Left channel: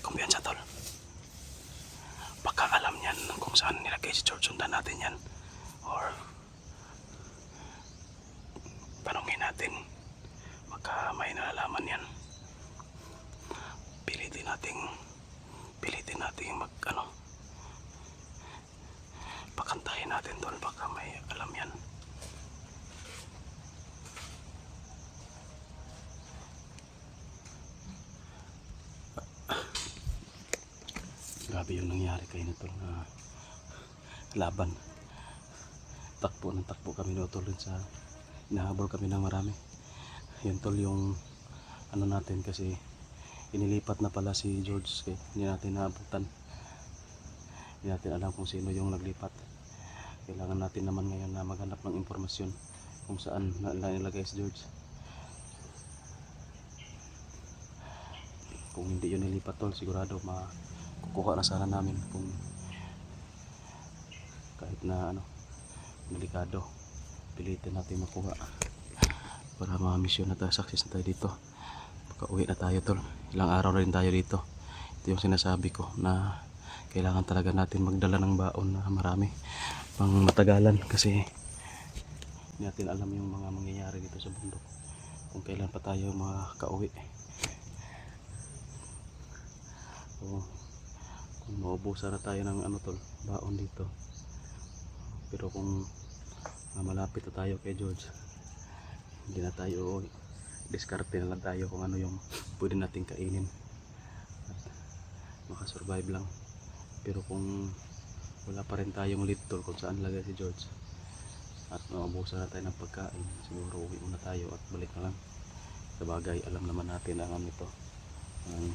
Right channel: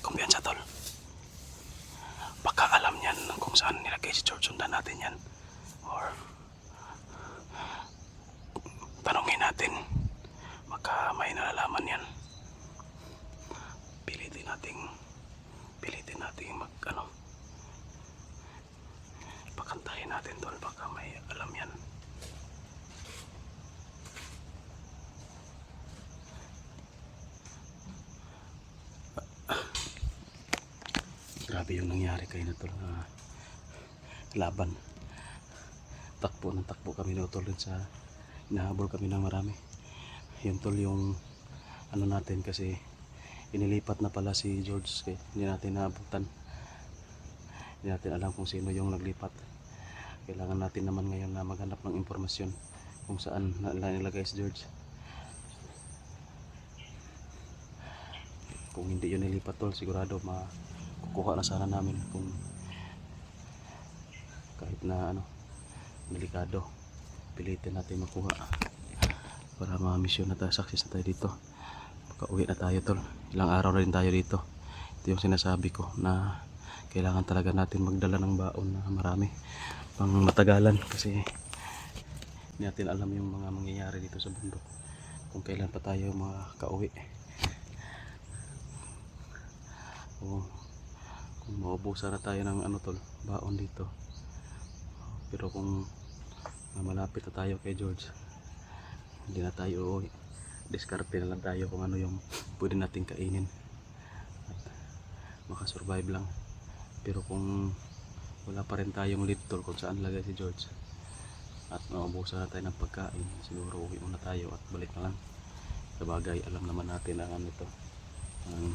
may kumpiyansa tol. Baka alam niyan kung saan nilagay si George. Sundan natin yan. Or tanongin natin. Baka may nalalaman yan. Pilitin natin mag pakantahin natin tol. Baka may alam yan. Grabe yung nangyari kayo na tol, na laban. Takbo ng takbo kami na tol sa hinahabol kami ng marami. Yun tol yung ano natin, kasi inilipat na pala si George, kaya hindi natin naabutan. Hindi natin alam kung sino yung naglipat. Kailangan natin naman ngayon na maghanap ng impormasyon kung saan nilagay si George. Kung hindi yun nilipat tol, sigurado makukuha na sana namin. Kung kahit na delikado, pilitin natin makuha para ma-mission na tayo, success na tayo dito. Makauwi na tayo tol. Ilang araw na rin tayo dito. Ito yung sinasabi ko, na kailangan talaga natin magdala ng baon na marami pang matagalan, kasi hindi natin alam yung mga mangyayari dito sa bundok, kung kailan pa tayo makauwi. Kung maubusan na tayo ng tol, baon dito. Pero kung malapit na tayo kay George, hindi na tayo uuwi. Diskarte na lang tayo kung ano yung pwede nating kainin at makasurvive lang. Pero kung wala pa rin tayong lead tol kung saan lagay si George at maubusan na tayo ng pagkain, siguro uwi muna tayo at balik na lang. Sa bagay, alam naman natin ang ang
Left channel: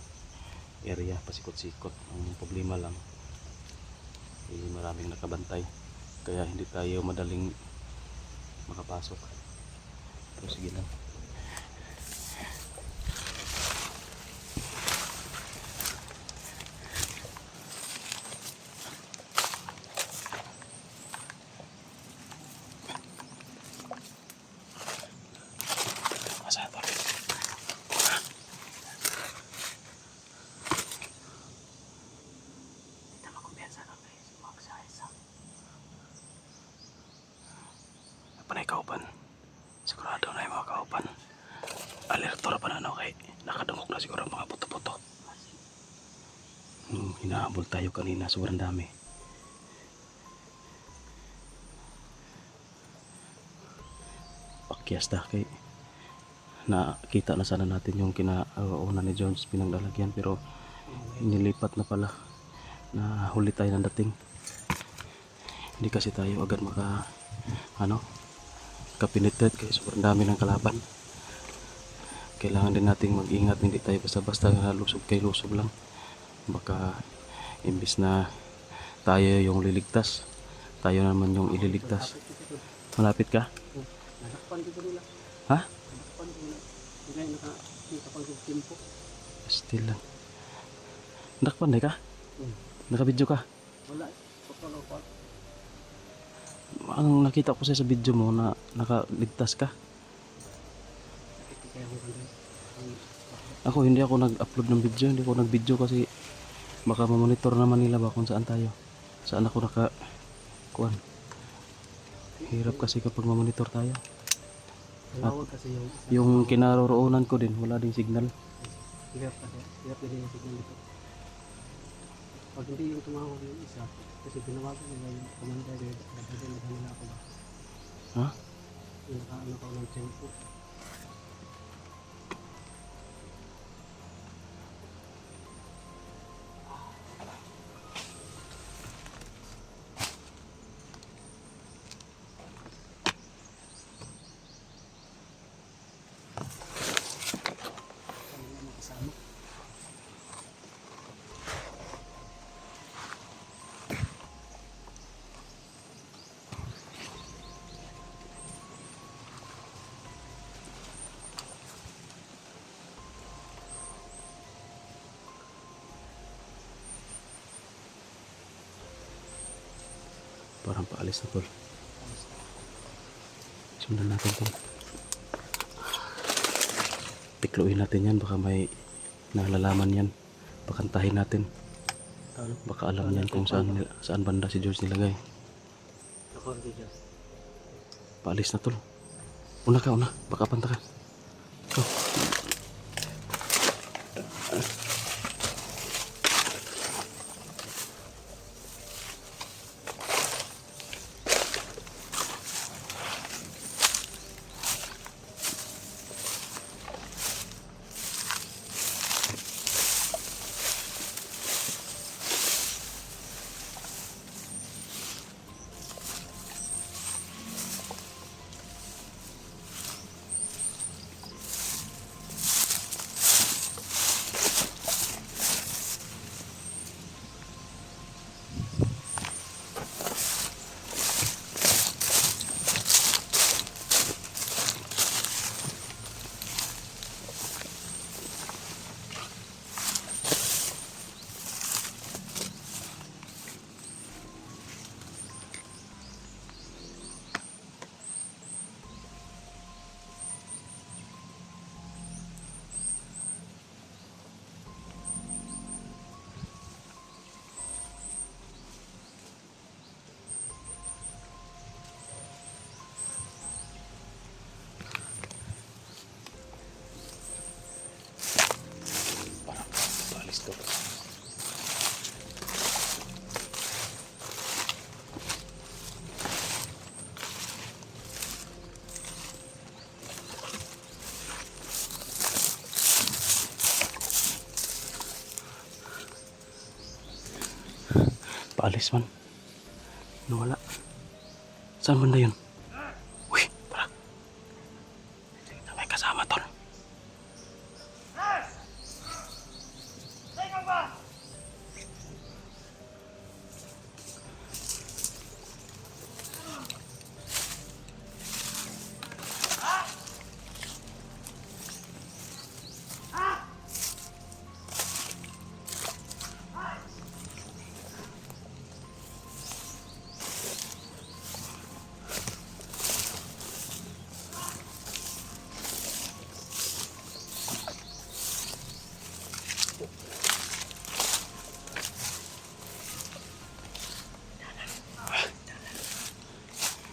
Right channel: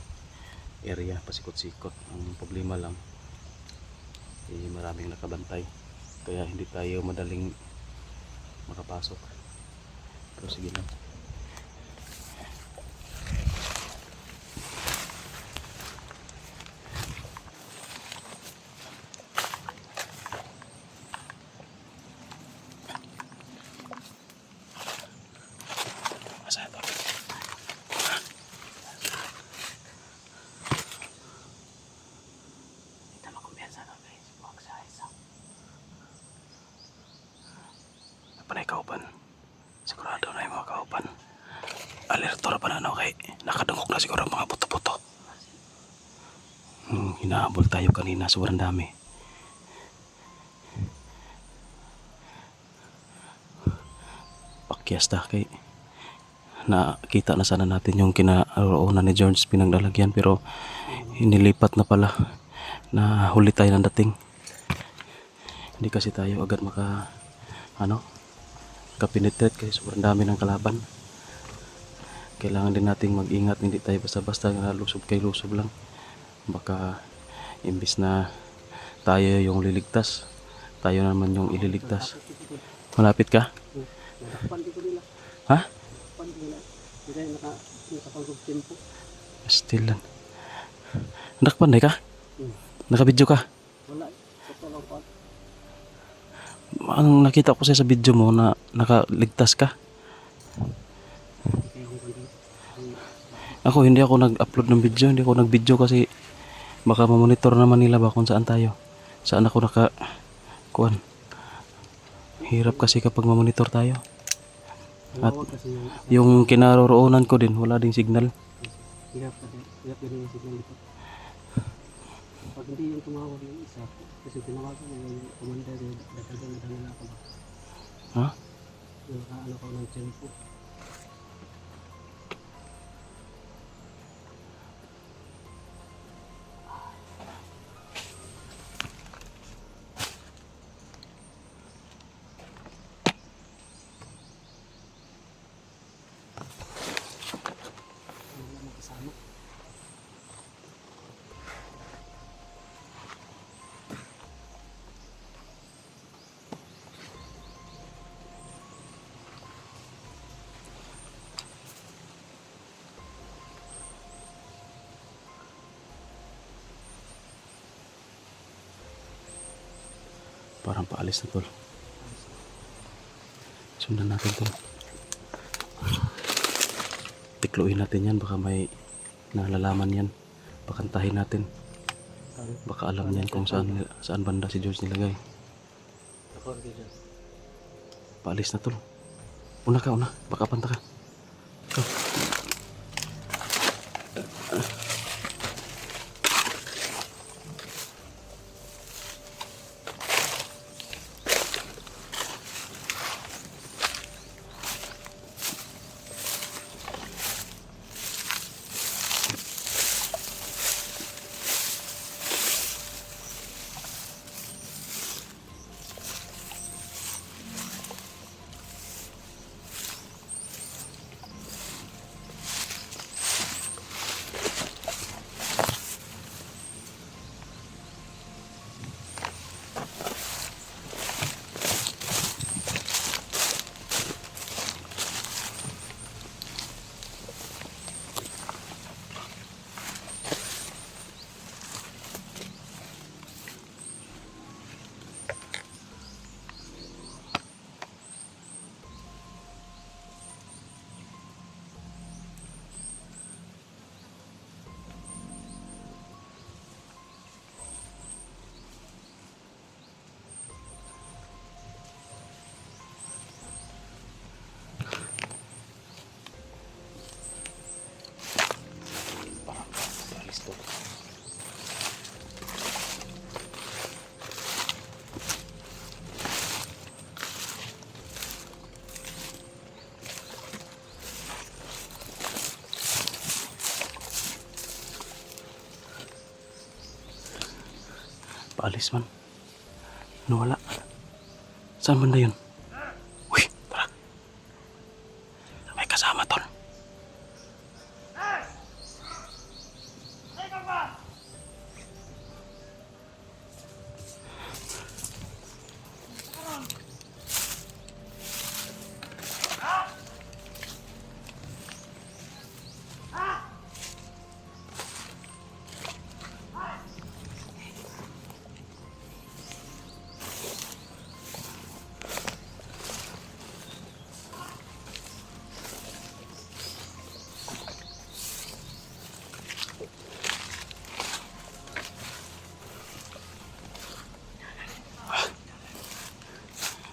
area, pasikot-sikot. Ang problema lang maraming nakabantay, kaya hindi tayo madaling makapasok. Pero sige lang. Masaya tol. Panay kauban, sigurado na yung mga kauban. Alertor pa na kay nakadungok na siguro mga buto-buto. Hinahabol tayo kanina, sobrang dami. Pakyasta kay nakita na sana natin yung kinaroonan ni George, pinanglalagyan, pero inilipat na pala. Nahuli tayo ng dating. Hindi kasi tayo agad kapenetrate kasi sobrang dami ng kalaban. Kailangan din nating mag-ingat, hindi tayo basta-basta lusob kay lusob lang. Baka imbis na tayo yung liligtas, tayo naman yung ililigtas. Malapit ka? Ha? Still lang. Nakapantay ka? Nakabidyo ka? Ang nakita ko sa video mo na nakaligtas ka. Ako hindi ako nag-upload ng video, hindi ako nag-video kasi baka ma-monitor naman nila ba kung saan tayo. Saan ako kuan. Hirap kasi kapag ma-monitor tayo. At yung kinaroroonan ko din, wala ding signal. Hirap din yung signal dito. Pag hindi yung tumawag yung isa, kasi tinawagan nila yung commander, dagdagan na ako ba? Ha? Yung nakaano ko ng tempo. Parang paalis na tol. Sundan natin tol. Tikluin natin yan, baka may nalalaman yan. Pakantahin natin. Ano? Baka alam niyan kung saan banda si George nilagay. Ako rin dyan. Paalis na tol. Una ka, una. Baka panta ka. Ikaw. Paalis to. Paalis man. Nawala. Saan banda yun? Uy, tara. May kasama tol.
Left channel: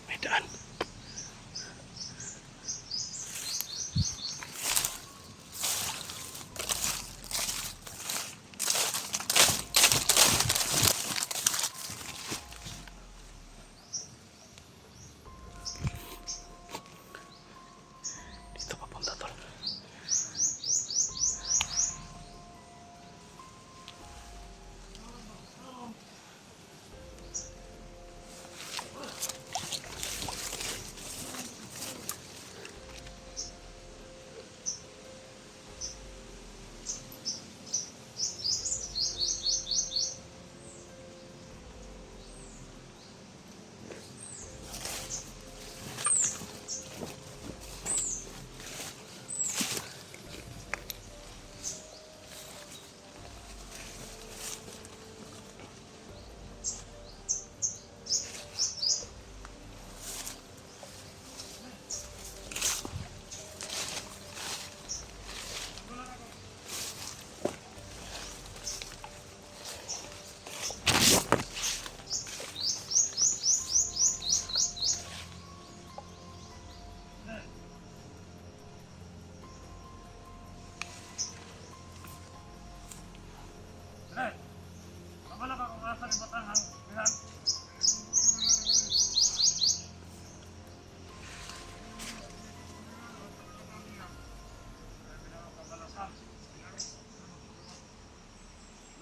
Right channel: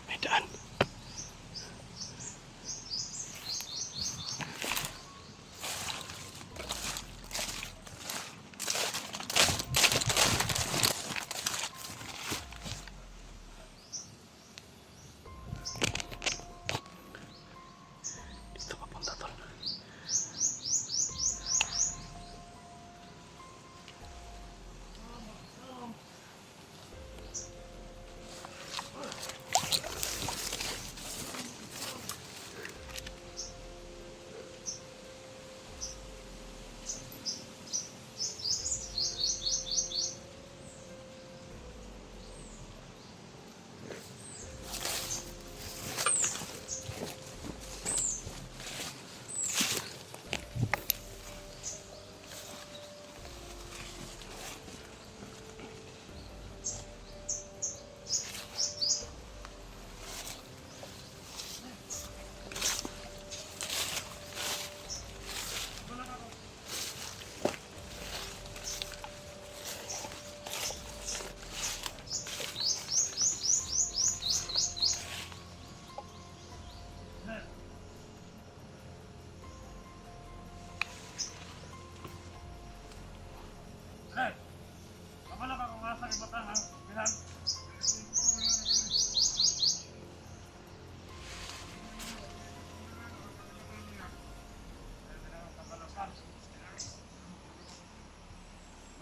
May daan. Dito papunta tol.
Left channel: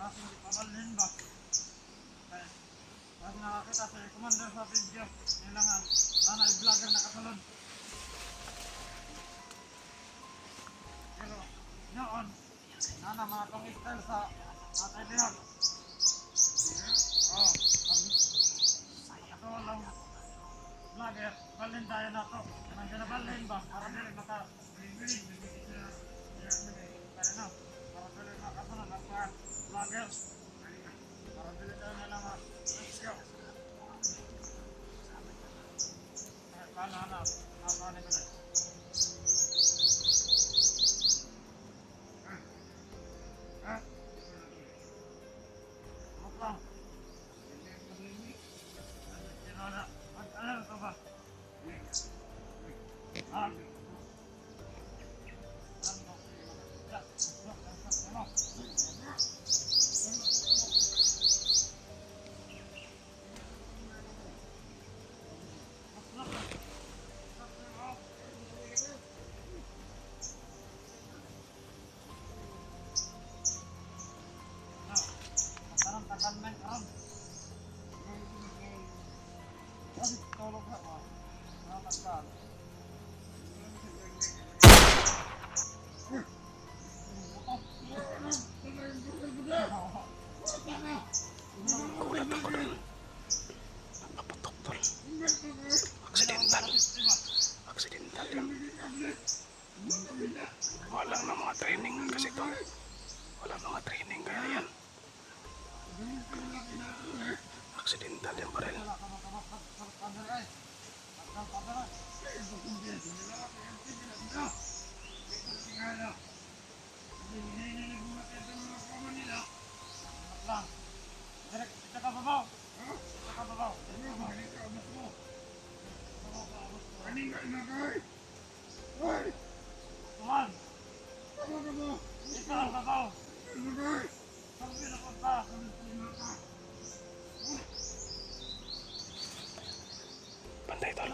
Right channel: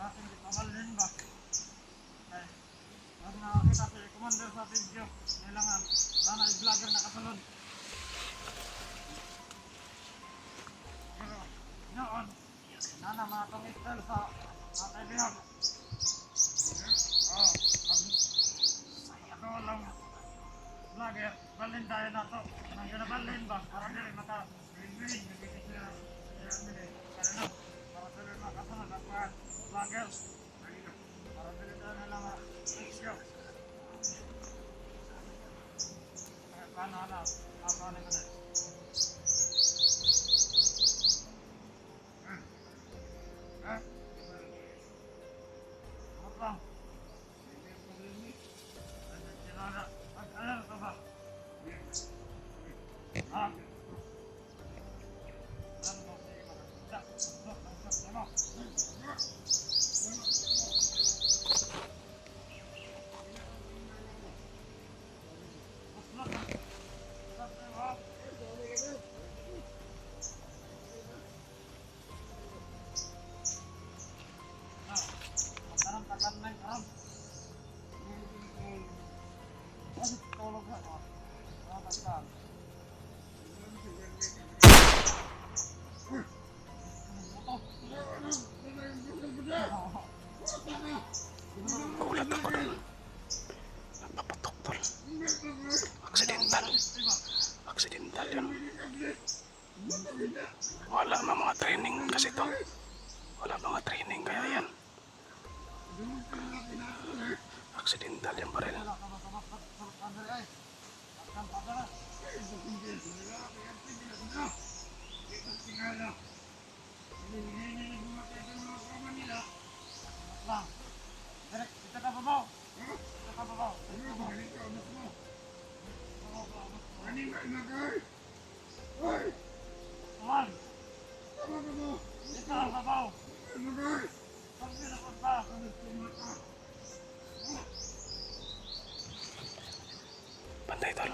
Masing di pabalhin ba? Ay, mas nakakita si Commander sa video. Nilangan, sana i-vlogger na kasunod. Pero, noon, nana mga tong-style sa atay bihag. Oh, ako lang vlogger, balhin tayo na to. Nang ginabalhin ba? Para dili maka-bilin. Para no? Para dili makasunod ang mga vloggers. Para dili tayo nila ma-isyo. Paano hanap? Paano ko na? lang. Sinada, mag-alerto ba? Ha? Ano kayo makakita? Usok ang sakya mo. Usok ang sakya mo. Magkaroon ka ka ng karoon. Kasi tulog na ako. Nakakasal. Gulat ako doon. Nagpaputok tol. Accidental. Accidental yun. Wala na mga training kasi to. Wala mga training kaya yan. Accidental yan pa rin. Wala ka makamakot sa kandari ay. Takal pa dala. Sangat lang. Direk, kita ka babaw. Kita ka babaw. Tuwan. Ikaw ang babaw. Sabi na punta. Bantay tol.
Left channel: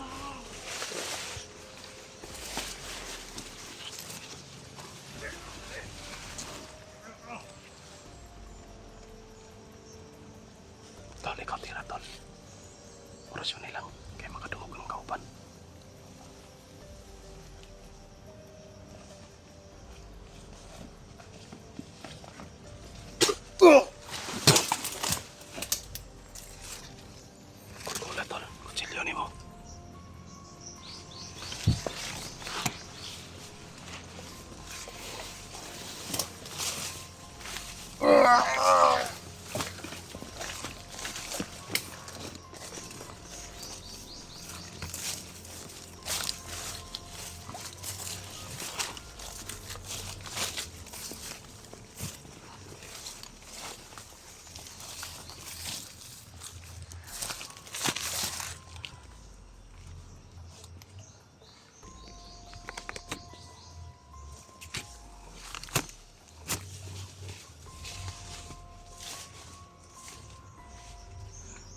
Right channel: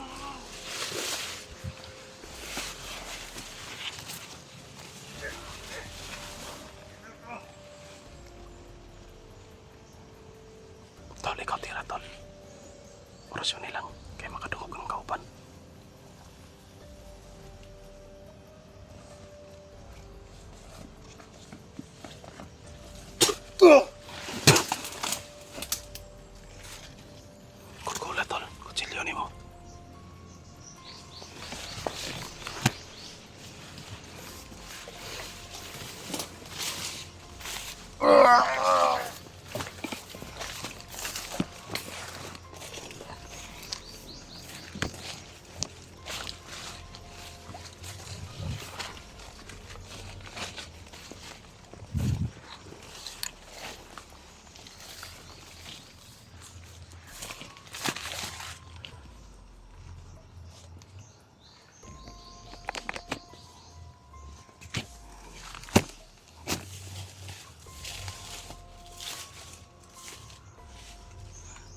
Tol, ikaw tira tol. Orasyon nilang kaya makadungog ng kauban. Kulkula tol, kutsilyo ni mo.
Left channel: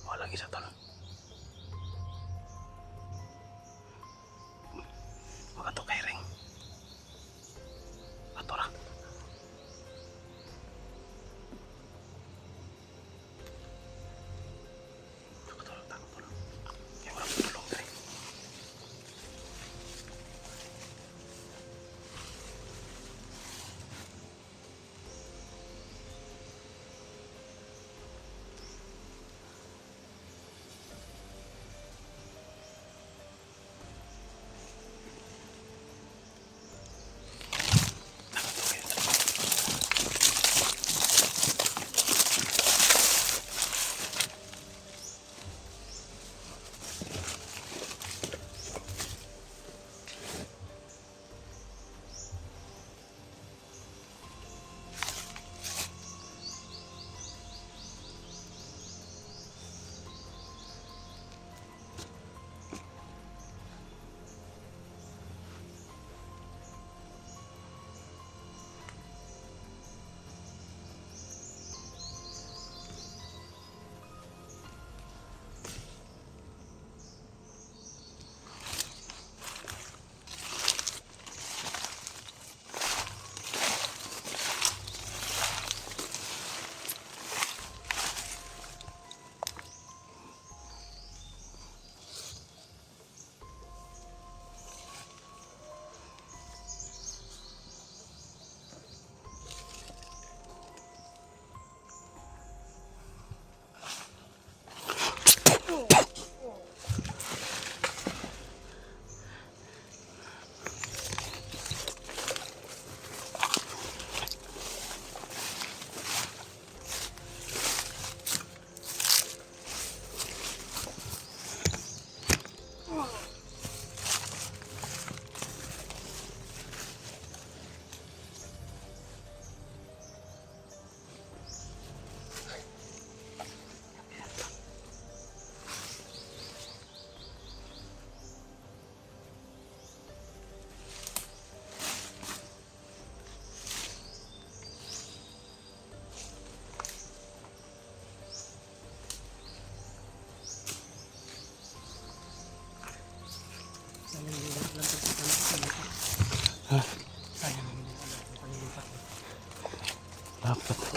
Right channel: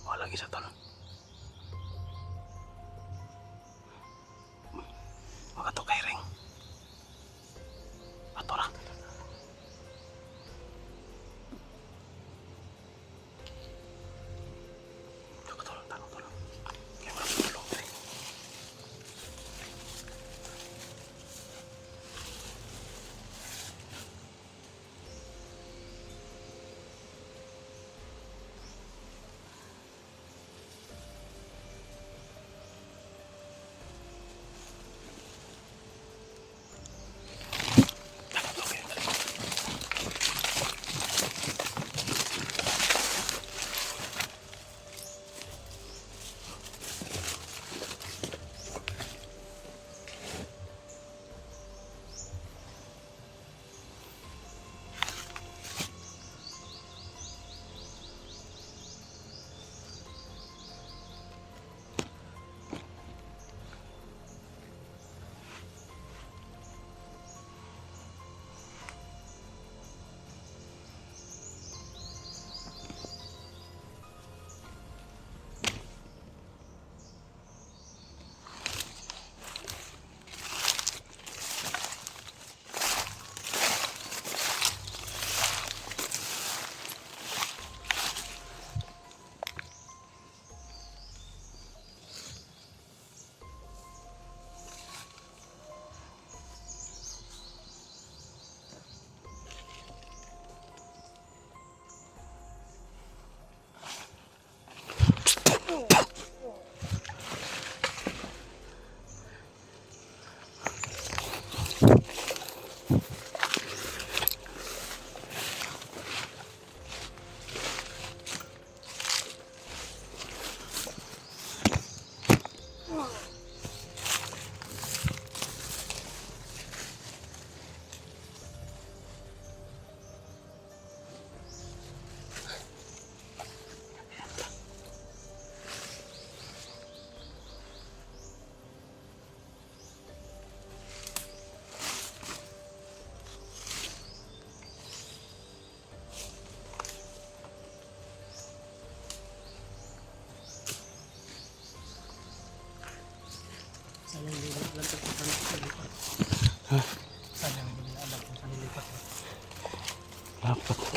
Walang isa tol. Makatukay ring. Atora. Tolong, tolong. Kaya walang tulong diri.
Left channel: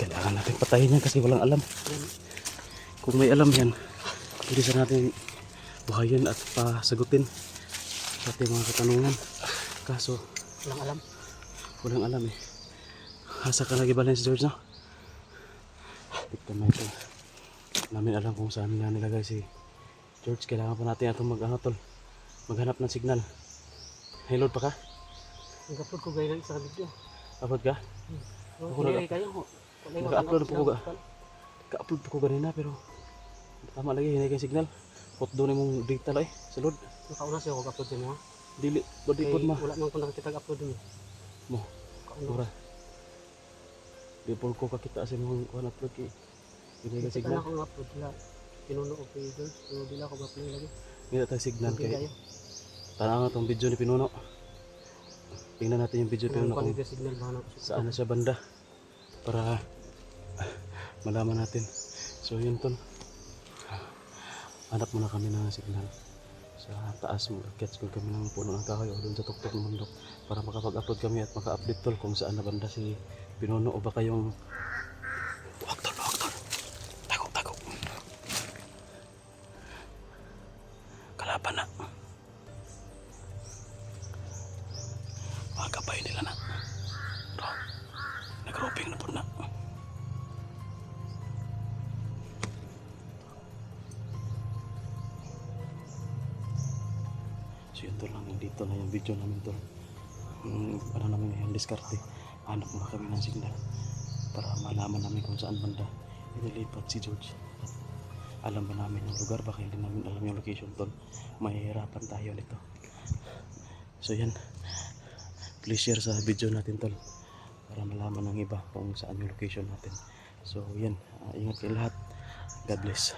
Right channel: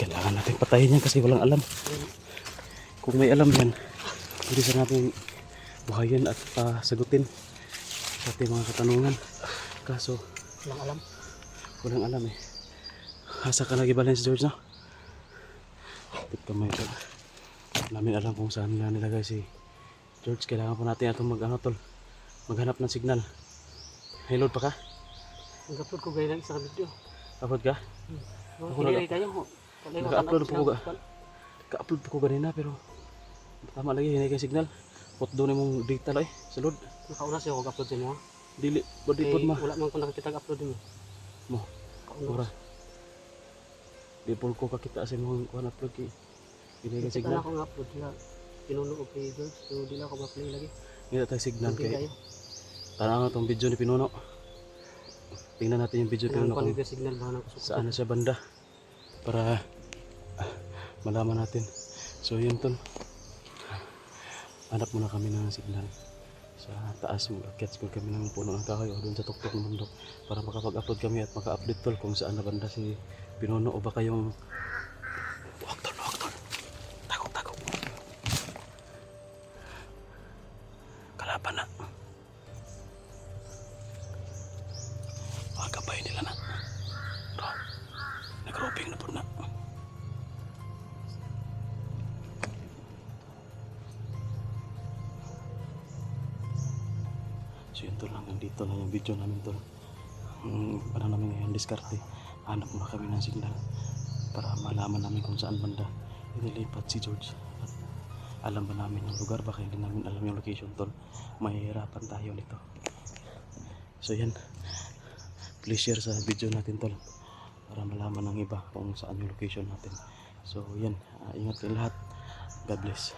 Kailangan natin patayin yan kasi walang alam. Kung may alam yan, pwede sa natin buhayin at pasagutin sa ating mga katanungan. Kaso, Walang alam. walang alam eh. Hasa ka lagi balance George, no? Ito may ito. Namin alam kung saan nila nilagay si George. Kailangan po natin itong maghanap ng signal. Hey, load pa ka? Nag-upload ko gaya ng isang video. Upload ka? Ako Hindi kayo mo. Naka-upload po ko ga. Ka-upload po ko ganina pero tama lagi, hinay kay signal. Hot doon mong data lang eh, sa load. Nakauna siya ako upload din mo. Dili, body pod ma. Wala man ko nakita upload din mo. Mo, mura. Di po ko kakita sa mga kuhan upload kay hinay kay signal. Signal. Ako upload nila. Pinuno ko kay George. Pero di lang ako ma-play lagi. Hindi tayo signal Okay kay kayo. tanaw nga tong video ni Pinuno. Tingnan natin yung video ni Pinuno kung Kung signal ba na saan na siya banda para malaman natin. So yun tol, hanap muna kami ng signal sa taas. Mag-catch ko kami ng puno ng kahoy o doon sa tuktok ng bundok para makapag-upload kami at maka-update tol kung saan na banda si Pinuno o baka yung huwag tol, takot kalaban na mga kabay nila na bro, nag-roping na po na. So yun tol, hanggang dito na yung video namin tol. Ano namin ngayon, diskarte. Hanap muna kami ng signal para malaman namin kung saan banda inilipat si George. At alam ba namin yung lugar, baka hindi namin alam yung location tol. Mahihirapan tayo nito. So yan, please share sa video natin tol para malaman ng iba kung saan yung location natin. So yan, ingat kayo lahat. God bless.